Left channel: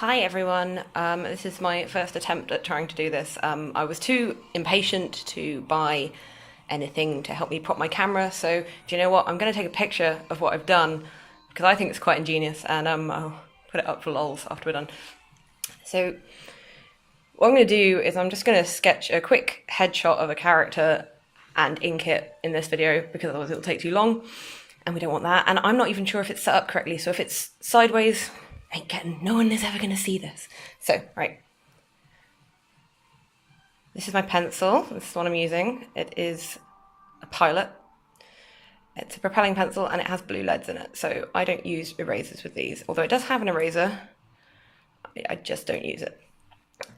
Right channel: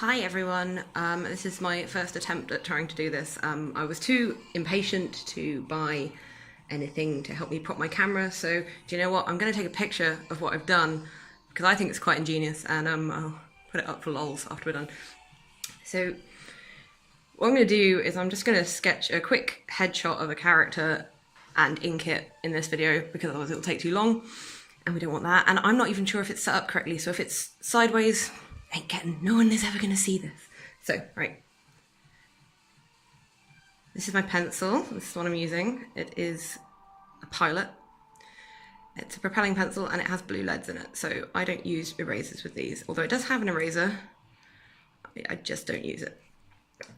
Hi everyone, this is my first attempt at trying to do this. I was too impatient to buy anything to help me prop my camera, so do you know what, I'm going to take a picture of what I've done because I think it's quite ingenious, and I'll put it up for lols after we're done. So what I'm going to do is I'm just going to sketch a quick headshot of a character and ink it in this video because otherwise it'll take too long and we don't want that, and I'm not even sure if it's set up correctly, so if it's sideways, no one is ever going to see this. So, right. This is my pencil. This is what I'm using. It is a Pilot. It's a propelling pencil and it has blue leads in it. So I don't use erasers with these. Although it does have an eraser, I just don't use it.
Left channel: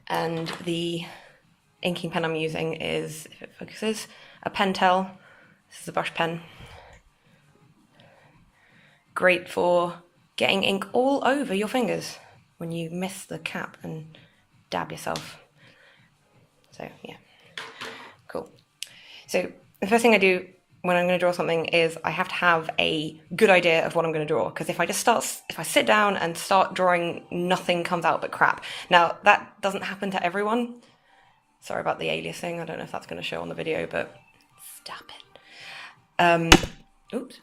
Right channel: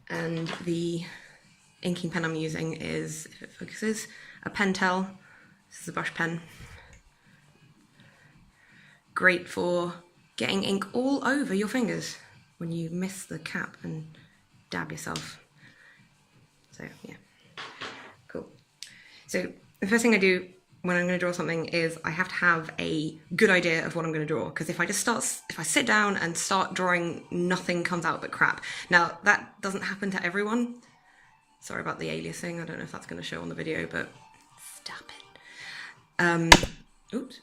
And the inking pen I'm using is, if it focuses, a Pentel. This is a brush pen. Great for getting ink all over your fingers when you miss the cap and dab yourself. So yeah, cool. So the first thing I do when I'm going to draw something is I have to have a good idea of what I'm going to draw, because if I sit down and start drawing, nothing comes out but crap. Now that doesn't happen to everyone. Sorry about the aliasing. I don't know if that's going to show on the video, but stop it. Oops.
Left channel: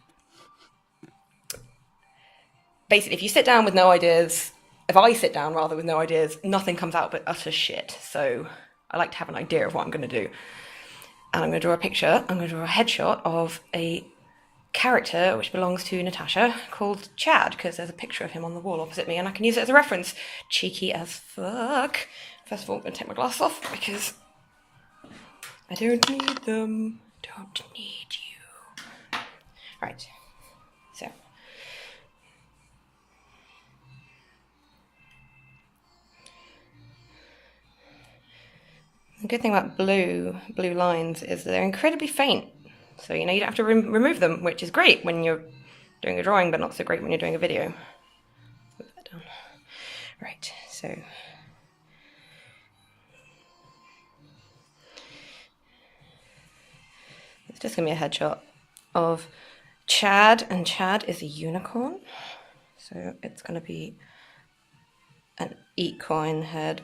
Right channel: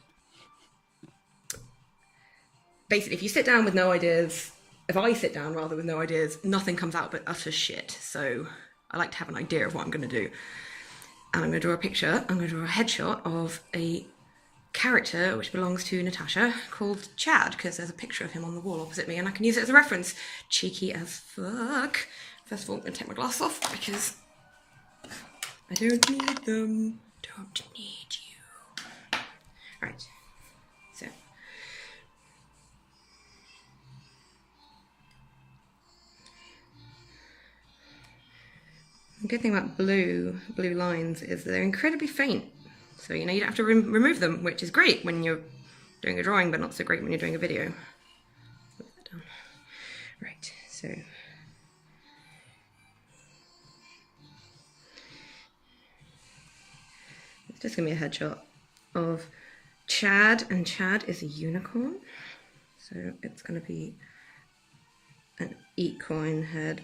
Basically, if you sit down with no ideas, if I sit down rather with no ideas, nothing comes out but utter shit. So I like to have an idea of what I'm going to do. And I'm going to draw a picture, I'm going to draw a headshot of a character which belongs to Natasha called Chad, because there's a picture of him on the wall opposite me and I can use it as a reference. Cheeky as fuck. First of all, I'm going to take my glasses off because I don't need them. Don't need you. Right. So. The good thing about blue lines is they're incredibly faint. So, you don't have to remove them, which is great when you're doing a drawing, but not so great when you're doing a video. Move that down. Right, so. It's just going to be a headshot of Chad, and Chad is a unicorn. So it's going to be an equine head.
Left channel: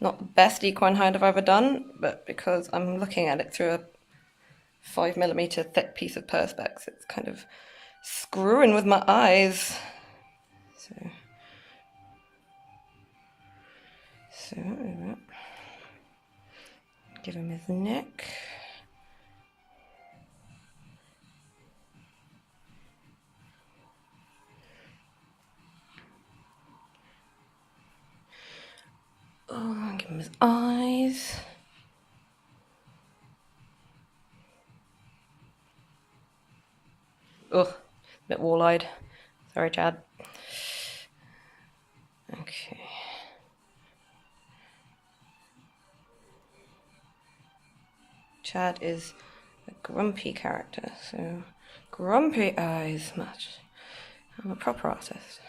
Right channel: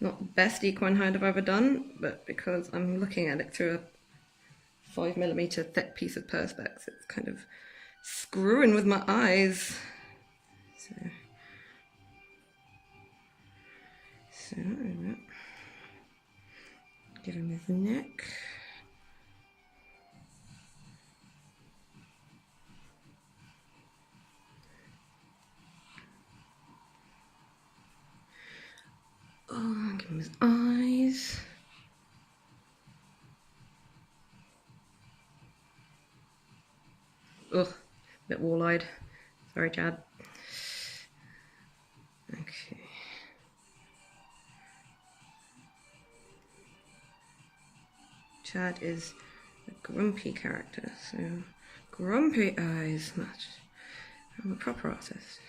Not the best equine head I've ever done, but because I'm looking at it through a 5mm thick piece of Perspex, it's kind of screwing with my eyes. So give him his neck. Oh, give him his eyes. Ugh, a bit wall-eyed. Sorry, Chad. Okay. Chad is a grumpy character, so grumpy eyes match. I'm a proper artist.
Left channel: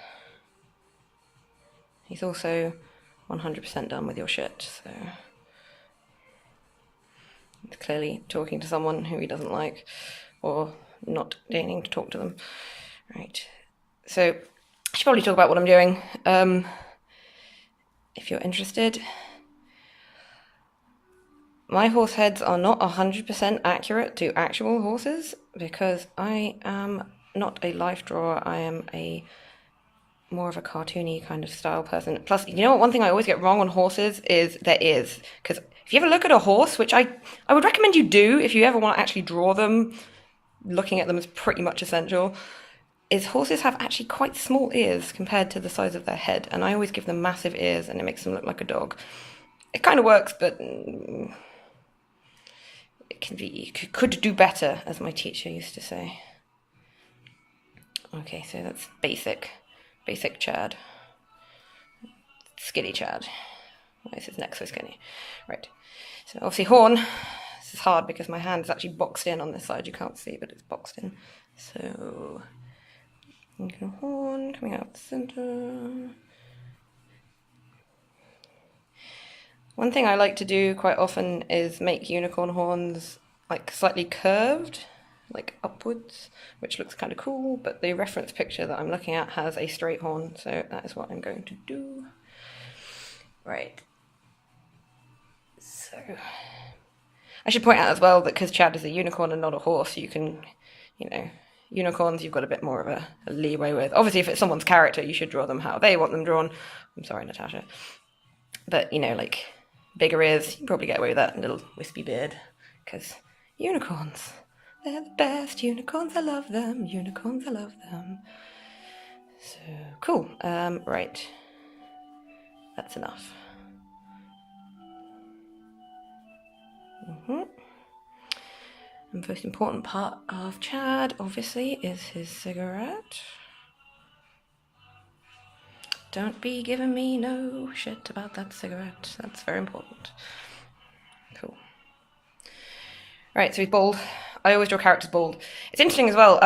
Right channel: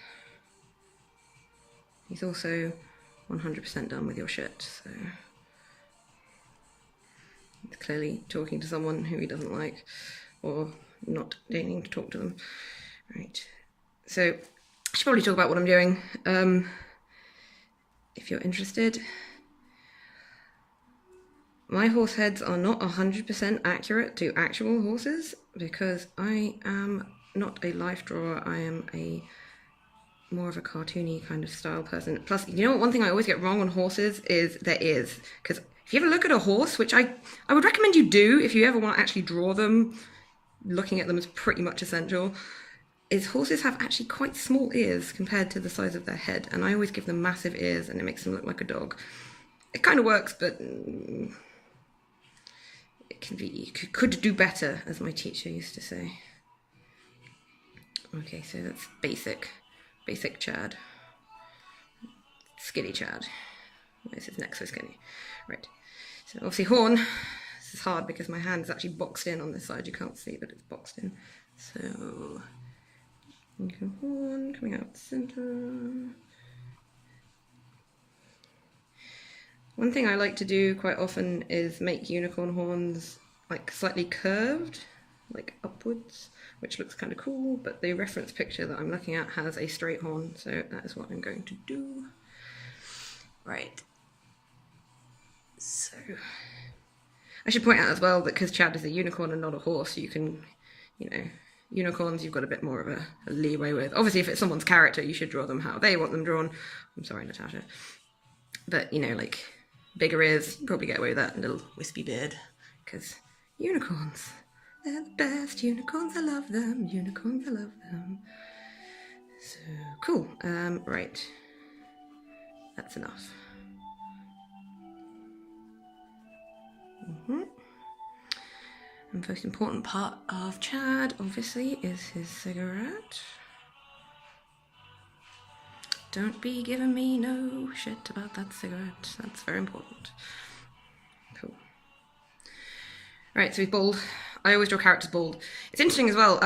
He's also 100% done with your shit, so it's clearly talking to someone who he doesn't like, or not deigning to talk to them. Right, so I should probably talk about what I'm doing, if you're interested. My horse heads are not 100% accurate to actual horses, because I am not a life drawer, I am more of a cartoony kind of style person. Plus, you know what, one thing I always get wrong on horses is their ears. Because if you ever look at a horse, which I would recommend you do if you ever want to actually draw them, looking at them is pretty much essential, is horses have actually quite small ears compared to the size of their head. And I always give them massive ears and it makes them look like a dog. It kind of works, but it could do better, as my teacher used to say. Okay, so that's basic Chad. Skinny Chad. Why is his neck so skinny? Right. So obviously horn. This is hard because my hand is actually boxed in on this side. You can't see, but it's boxed in. So horn coming out the center. One thing I like to do quite often is make unicorn horns like slightly curved, like upwards, which looks kind of cool, but the reference picture that I'm looking at has a straight horn, so that is what I'm going to do. Right. So, I should point out as well that because Chad is a unicorn and not a horse, you can, unicorns you've got a bit more of a leeway with. Obviously, if it's someone's character, you should draw them how they want them drawn. I'm sorry, Natasha. But, like, bigger ears, you can probably get away with that, little wispy beard, because unicorns, they're the best. Unicorns, I love them. Unicorns, I love them. So, cool. Right. That's enough. And the most important part of Chad, obviously, is his cigarette. Don't be giving me no shit about that cigarette. That's very important. Cool. Right, so he's bald. I always draw characters bald. It's interesting as well.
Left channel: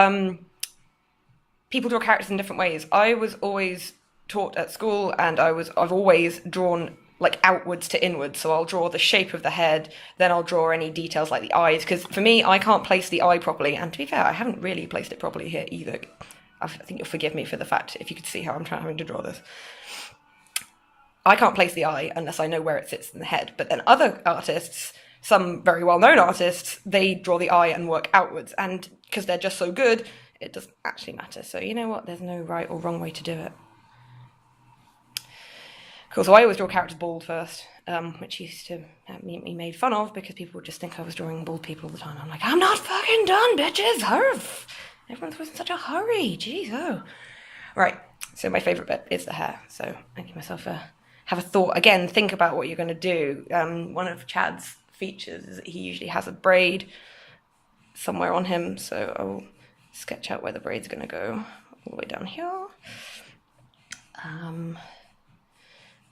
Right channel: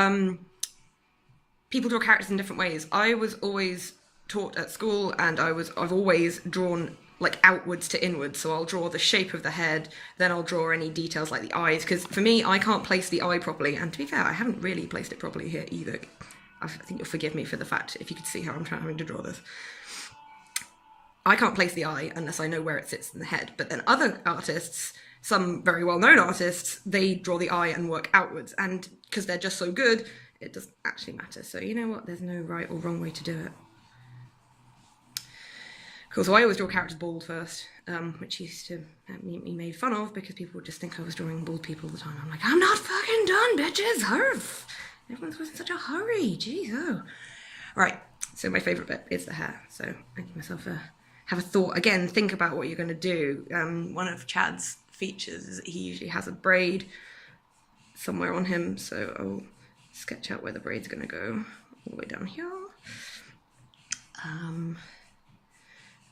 People draw characters in different ways. I was always taught at school, and I've always drawn like outwards to inwards. So I'll draw the shape of the head, then I'll draw any details like the eyes, because for me, I can't place the eye properly. And to be fair, I haven't really placed it properly here either. I think you'll forgive me for the fact, if you could see how I'm having to draw this. I can't place the eye unless I know where it sits in the head. But then other artists, some very well-known artists, they draw the eye and work outwards. And because they're just so good, it doesn't actually matter. So you know what? There's no right or wrong way to do it. Cool, so I always draw characters bald first, which used to have me made fun of because people would just think I was drawing bald people all the time. I'm like, I'm not fucking done, bitches, hurf! Everyone's always in such a hurry, jeez, oh. Right, so my favourite bit is the hair. So I give myself have a thought. Again, think about what you're going to do. One of Chad's features is that he usually has a braid somewhere on him, so I'll sketch out where the braid's going to go, all the way down here.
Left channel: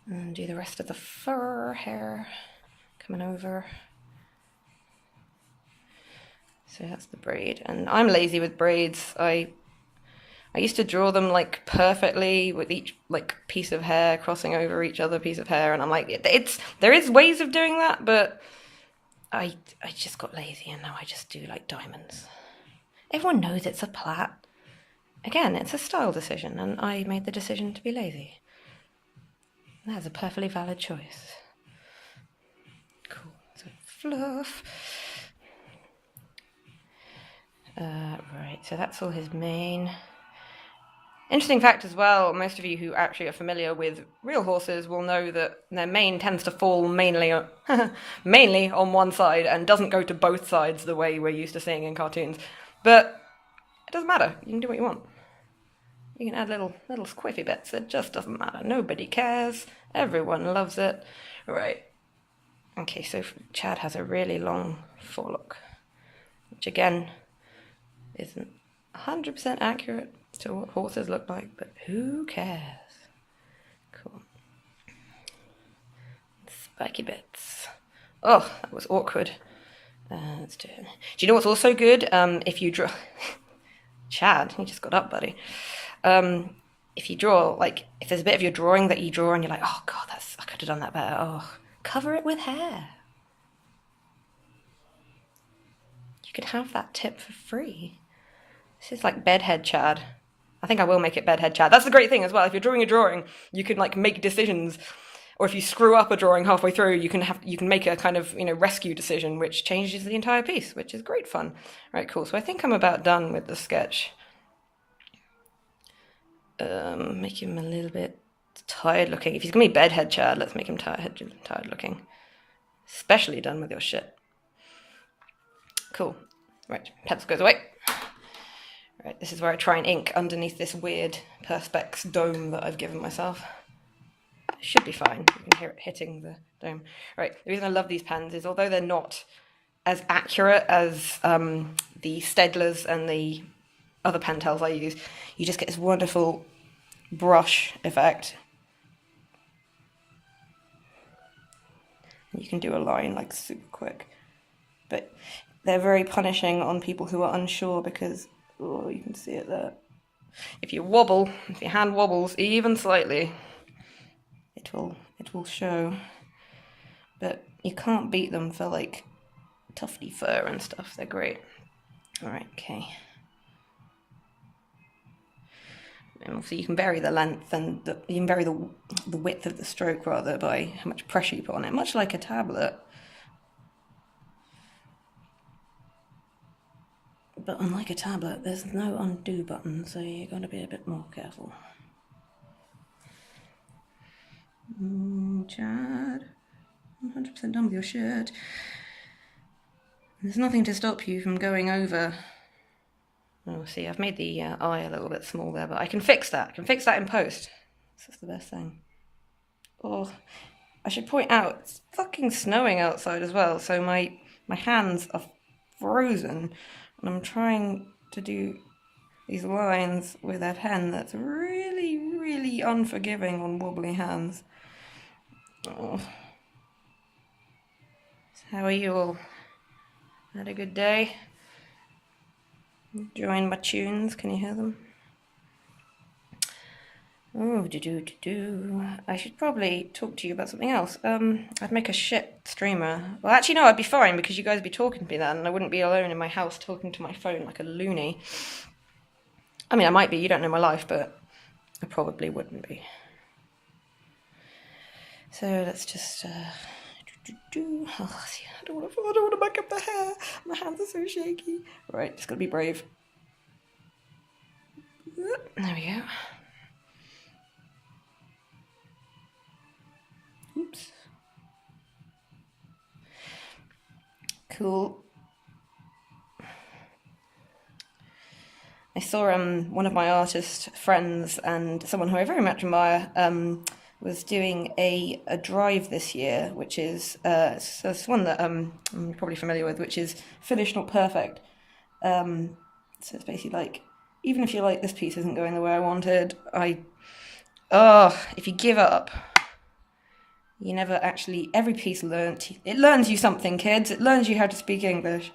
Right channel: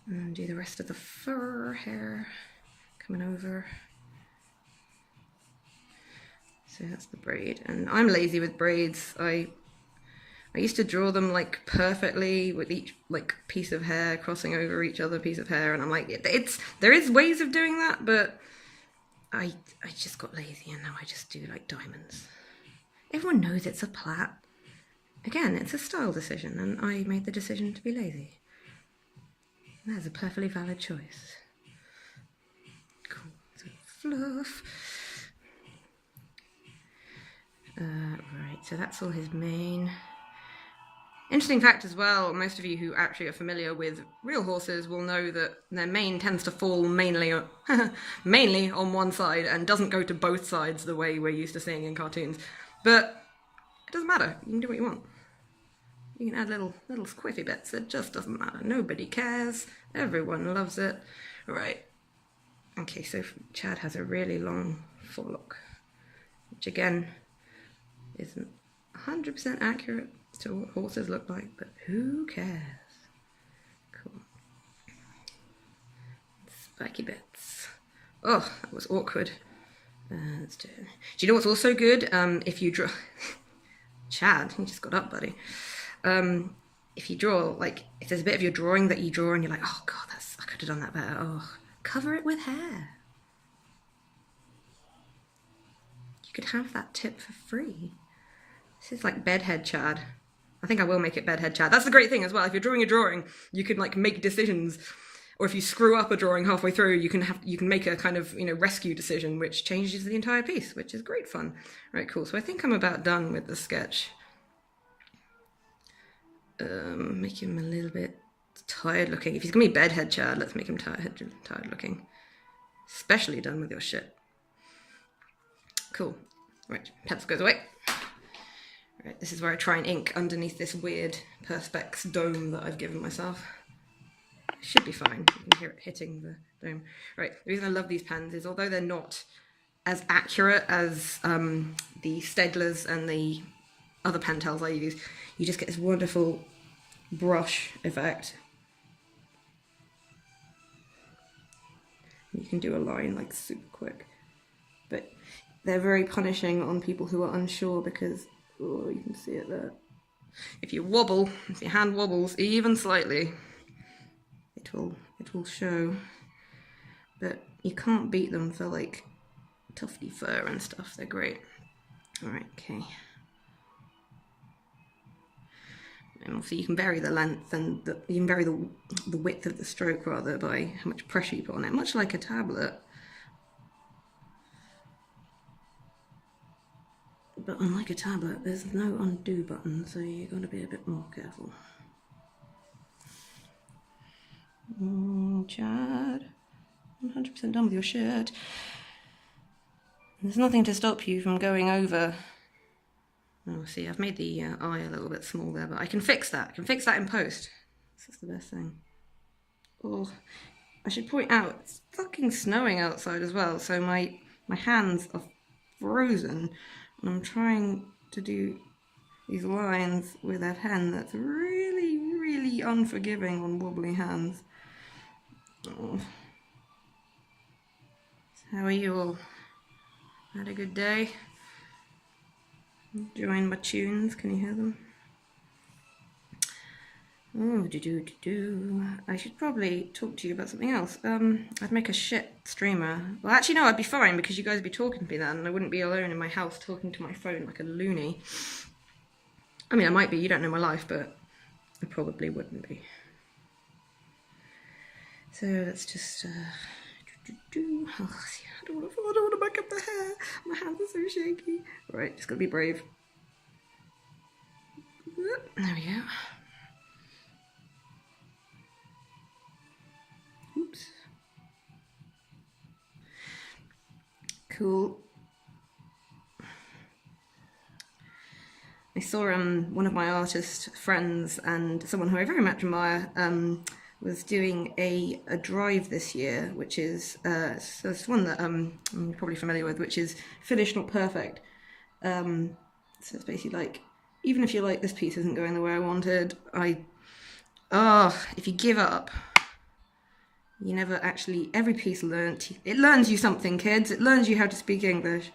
And do the rest of the fur hair coming over. So that's the braid. And I'm lazy with braids. I used to draw them like perfectly with each like piece of hair crossing over each other piece of hair, and I'm like, there is ways of doing that, but I just got lazy, and now I just do like diamonds. Everyone knows it's a plait. Again, it's a style decision, and I made the decision to be lazy. That's a perfectly valid choice. Cool. So fluff. Right, so that's all his mane. Interesting fact as well, most of you who actually are familiar with real horses will know that their mane tends to fall mainly on one side and doesn't go to both sides the way we're used to seeing in cartoons. But it doesn't matter. You can do what you want. You can add little squiffy bits. It just doesn't matter. Nobody cares. Everyone loves it. Right. Okay, so Chad has a really long forelock, which again isn't 100% accurate to what horses look like, but who cares? Cool. Spiky bits. Oh, that was awkward. Let's do it. Do you know what's also good? If you draw... Chad, you just got up, buddy. If you draw, like, if there's a bit of your drawing that you draw and you're like, oh god, I could have done that better. Oh, cover it with hair. You could have that tip for free. This is like bedhead Chad. I think I will make it bedhead Chad. That's the great thing as well. If you're drawing a drawing, you can like make decisions, or if you screw up a drawing halfway through, you can make a kind of rescue decision which changes the entire piece, which is great fun. Right, cool. So I think I'm about done with the sketch. Make him a little bit tired looking. If he's gonna be bedhead Chad, let's make him tired looking. Especially done with your shit. Cool. Right, pencil goes away. Right, this is where I try and ink underneath this weird Perspex dome that I've given myself. It should be fine. You can hear it hitting the dome. Right, the reason I love these pens is although they're not as accurate as the Stedlers and the other Pentels I use, you just get this wonderful brush effect. You can do a line like super quick. But they're very punishing on people who are unsure because, oh, you can see it there. If you wobble, if your hand wobbles even slightly, it will show. But you can't beat them for like tufty fur and stuff. They're great. All right, okay. And also you can vary the length and you can vary the width of the stroke rather by how much pressure you put on it, much like a tablet. But unlike a tablet, there's no undo button, so you've got to be a bit more careful. Chad, I'm 100% done with your shirt. There's nothing to stop you from going over. Oh, see, I've made the eye a little bit small there, but I can fix that. I can fix that in post. This is the best thing. Oh, I should point out, it's fucking snowing outside as well, so my hands are frozen, and I'm trying to do these lines with a pen that's really, really unforgiving on wobbly hands. Oh. How are you all? Had a good day? Enjoying my tunes, can you hear them? Oh, I should probably talk to you about something else. I'd make a shit streamer. Well, actually, no, I'd be fine because you guys would be talking to me then, and I wouldn't be alone in my house talking to my phone like a loony. I mean, I might be, you don't know my life, but I probably wouldn't be. So let's just, oh, see, I don't want to back up the hair. My hands are so shaky. Right, just gotta be brave. There we go. Oops. Cool. I saw one of my artist friends and someone who I very much admire was doing a drive this year, which is so it's one that you're probably familiar with, which is finished not perfect. So it's basically like, even if you're like, this piece isn't going the way I wanted, if you give up, you never actually, every piece it learns you something, kids. It learns you how to speak English.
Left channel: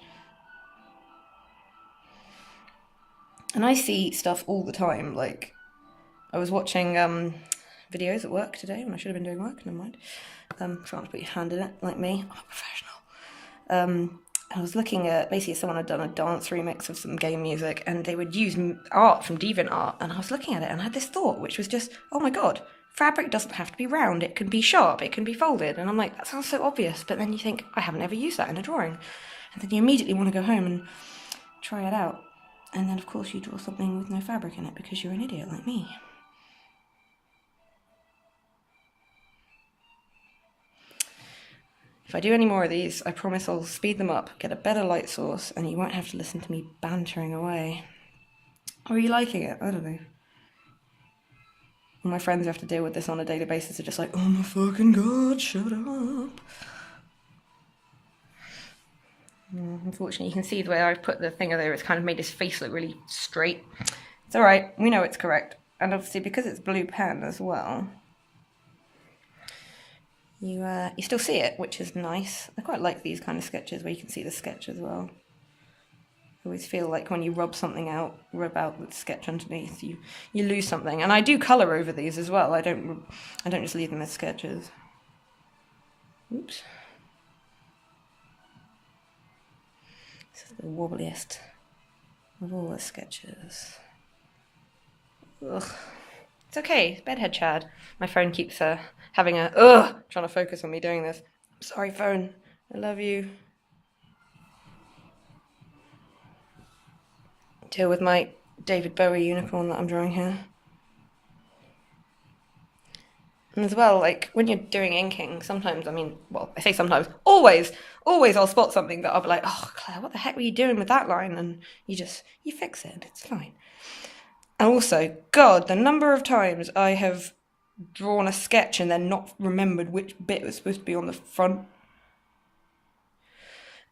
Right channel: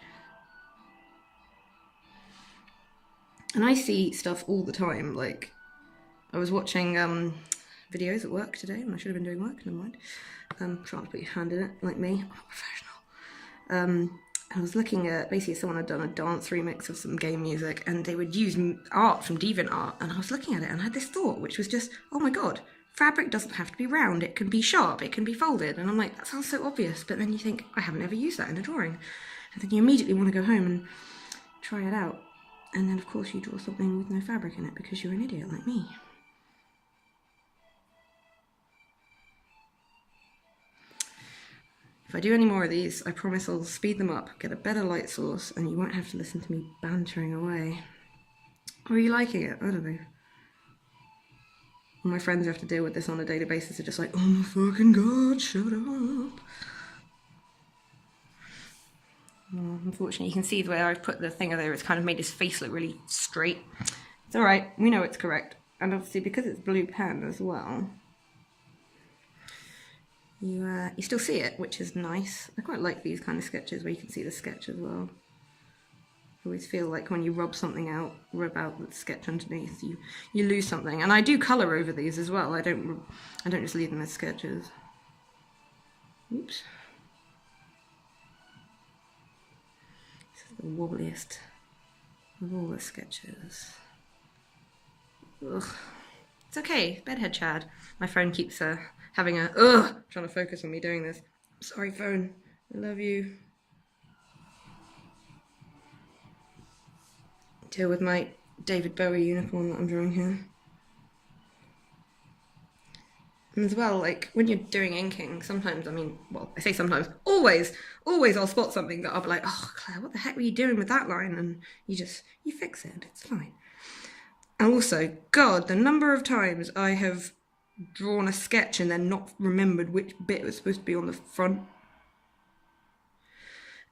And I see stuff all the time, like, I was watching videos at work today when I should have been doing work, never mind. Trying to put your hand in it, like me, I'm a professional. I was looking at, basically someone had done a dance remix of some game music, and they would use art from DeviantArt, and I was looking at it and I had this thought, which was just, oh my god, fabric doesn't have to be round, it can be sharp, it can be folded, and I'm like, that sounds so obvious, but then you think, I haven't ever used that in a drawing, and then you immediately want to go home and try it out, and then of course you draw something with no fabric in it because you're an idiot like me. If I do any more of these, I promise I'll speed them up, get a better light source, and you won't have to listen to me bantering away. Or are you liking it? I don't know. All my friends who have to deal with this on a daily basis are just like, oh my fucking god, shut up. Unfortunately, you can see the way I've put the thing there, it's kind of made his face look really straight. It's alright, we know it's correct. And obviously, because it's blue pen as well, you still see it, which is nice. I quite like these kind of sketches where you can see the sketch as well. I always feel like when you rub something out, rub out the sketch underneath, you lose something. And I do colour over these as well. I don't just leave them as sketches. Oops. This is the wobbliest of all the sketches. Ugh. It's okay, bedhead Chad. My phone keeps having trying to focus on me doing this. I'm sorry, phone. I love you. Deal with my David Bowie unicorn that I'm drawing here. And as well, like, when you're doing inking, sometimes, I say sometimes, always I'll spot something that I'll be like, oh, Claire, what the heck were you doing with that line? And you fix it, it's fine. And also, God, the number of times I have drawn a sketch and then not remembered which bit was supposed to be on the front.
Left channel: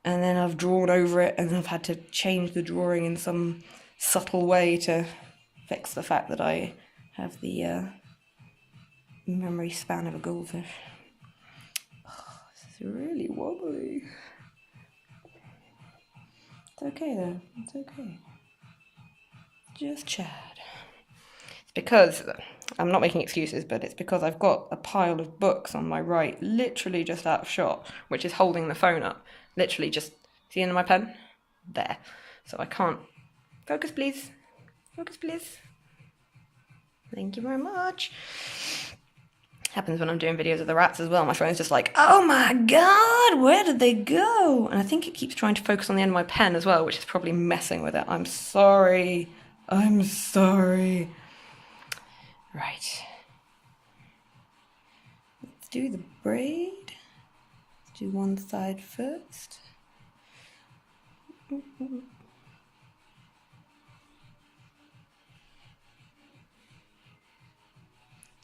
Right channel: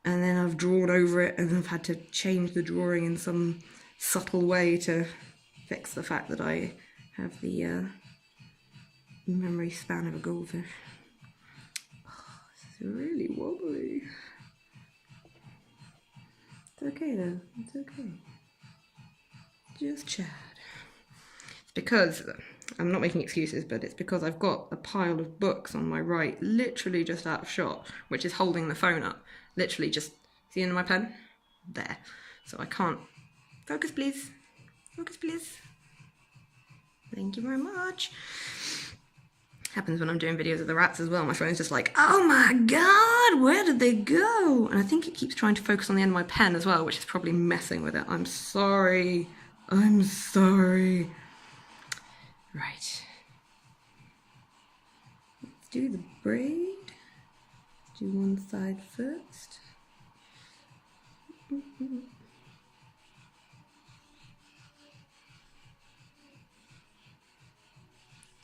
And then I've drawn over it and I've had to change the drawing in some subtle way to fix the fact that I have the memory span of a goldfish. Oh, this is really wobbly. It's okay though, it's okay. Just Chad. It's because, I'm not making excuses, but it's because I've got a pile of books on my right, literally just out of shot, which is holding the phone up. Literally just, see the end of my pen? There. So I can't, focus please, focus please. Thank you very much. Happens when I'm doing videos of the rats as well. My phone's just like, oh my god, where did they go? And I think it keeps trying to focus on the end of my pen as well, which is probably messing with it. I'm sorry. I'm sorry. Right. Let's do the braid. Let's do one side first.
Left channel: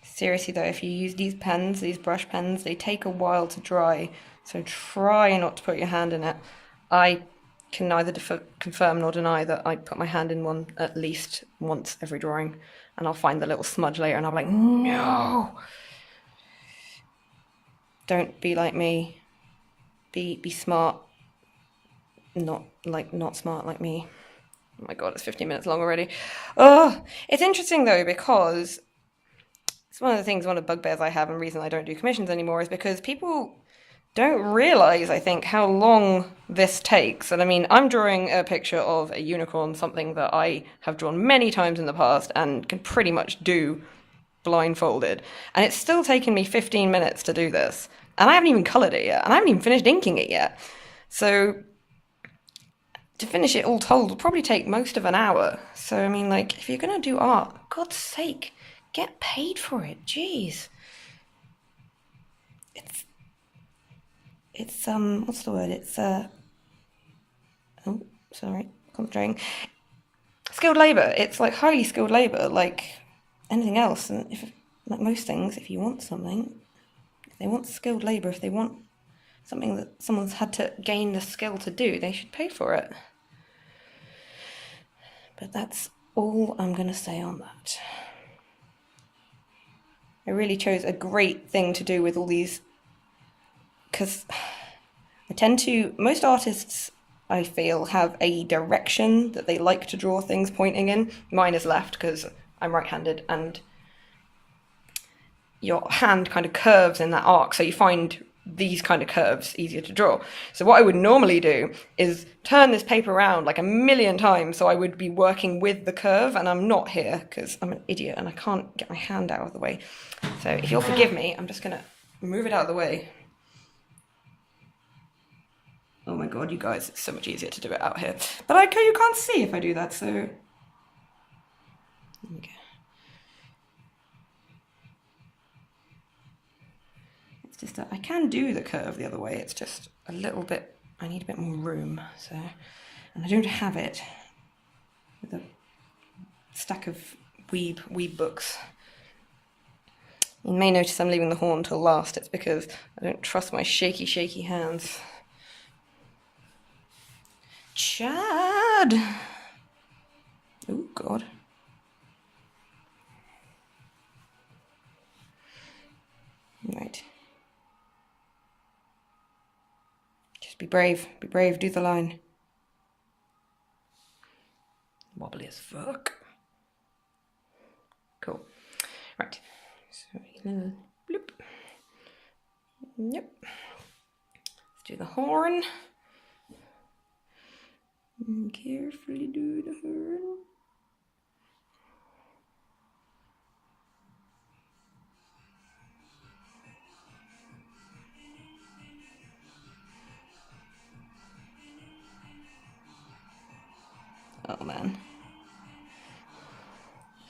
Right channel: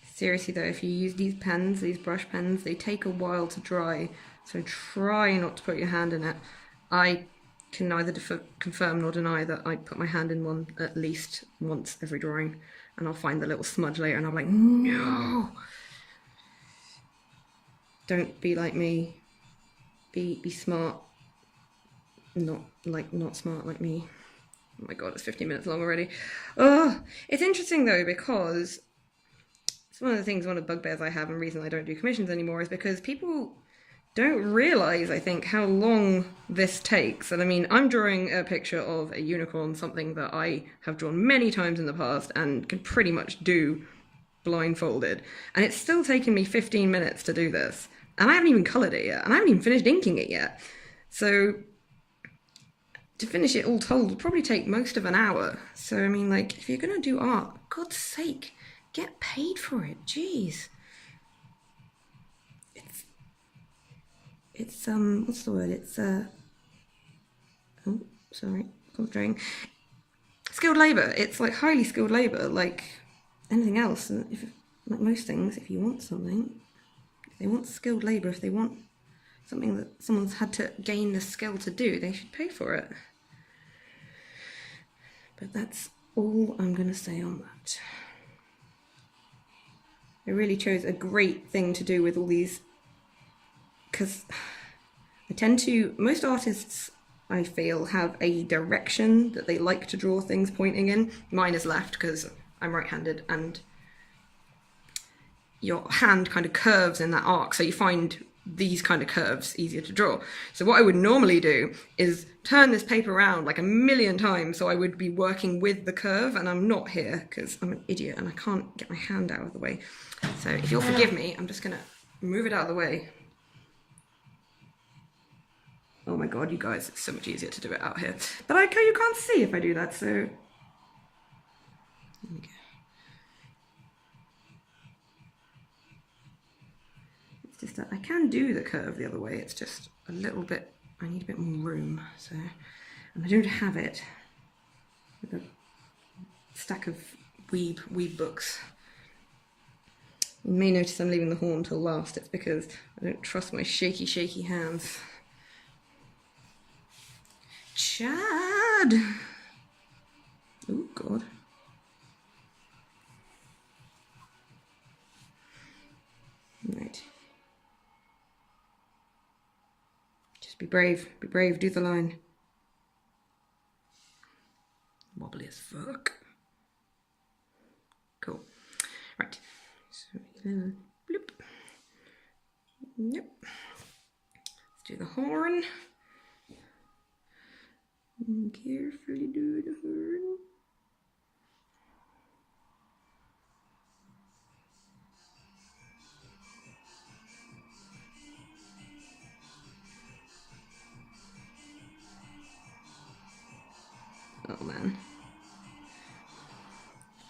Seriously though, if you use these pens, these brush pens, they take a while to dry, so try not to put your hand in it. I can neither confirm nor deny that I put my hand in one at least once every drawing, and I'll find the little smudge later and I'm like, no! Don't be like me. Be smart, not smart like me. Oh my god, it's 15 minutes long already. Oh, it's interesting though, because it's one of the bugbears I have, and reason I don't do commissions anymore is because people don't realize, I think, how long this takes. And I mean, I'm drawing a picture of a unicorn, something that I have drawn many times in the past and can pretty much do blindfolded. And it's still taken me 15 minutes to do this. And I haven't even colored it yet. And I haven't even finished inking it yet. So to finish it all told will probably take most of an hour. So, I mean, like, if you're going to do art, God's sake, get paid for it. Jeez. It's what's the word? It's oh, sorry, concentrating. Skilled labor. It's like highly skilled labor, like anything else. And if, like most things, if you want something, if they want skilled labor, if they want something that someone's had to gain the skill to do, they should pay for it. But that's all I'm gonna say on that. I really chose a great thing to do with all these, because I tend to, most artists I feel have a direction that they like to draw things pointing in. Mine is left because I'm right-handed, and your hand kind of curves in that arc, so you find these kind of curves easier to draw. So what I would normally do is turn this paper around like a million times, so I would be working with the curve, and I'm not here because I'm an idiot and I can't get my hand out of the way. So if you'll forgive me, I'm just gonna move it out of the way. Oh my god, you guys, it's so much easier to do it out here. But you can't see if I do that, so there we go. It's just that I can do the curve the other way, it's just a little bit, I need a bit more room, so, and I don't have it with a stack of weeb books. You may notice I'm leaving the horn till last. It's because I don't trust my shaky hands. Chad! Oh, God. Right. Just be brave, do the line. Wobbly as fuck. Cool. Right. So, little bloop. Yep. Let's do the horn. And carefully do the horn. Oh man.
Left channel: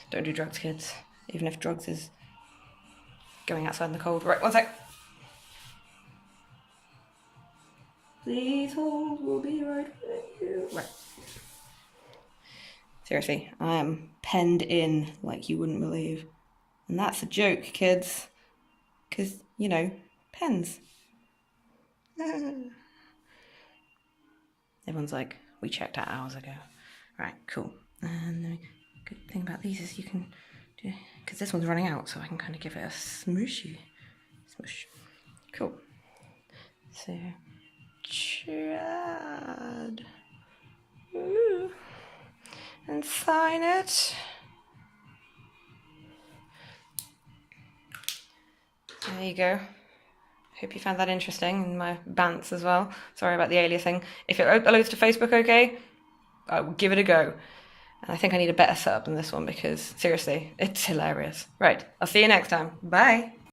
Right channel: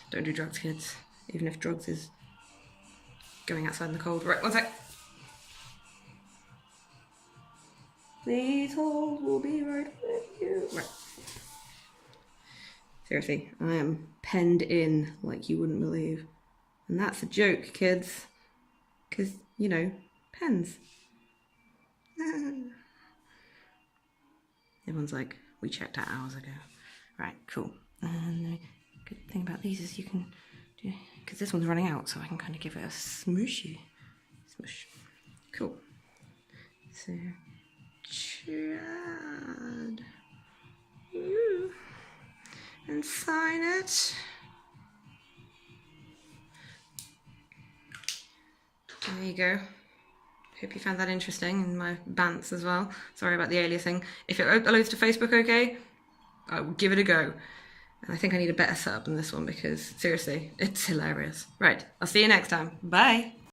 Don't do drugs, kids. Even if drugs is going outside in the cold. Right, one sec. These holes will be right with you. Right. Seriously, I am penned in like you wouldn't believe. And that's a joke, kids. Because, you know, pens. Everyone's like, we checked out hours ago. Right, cool. And the good thing about these is you can do, because this one's running out, so I can kind of give it a smooshy. Smoosh. Cool. So, Chad. Ooh. And sign it. There you go. Hope you found that interesting, and my bants as well. Sorry about the aliasing. If it uploads to Facebook, okay, I will give it a go. And I think I need a better setup than this one because seriously, it's hilarious. Right, I'll see you next time. Bye.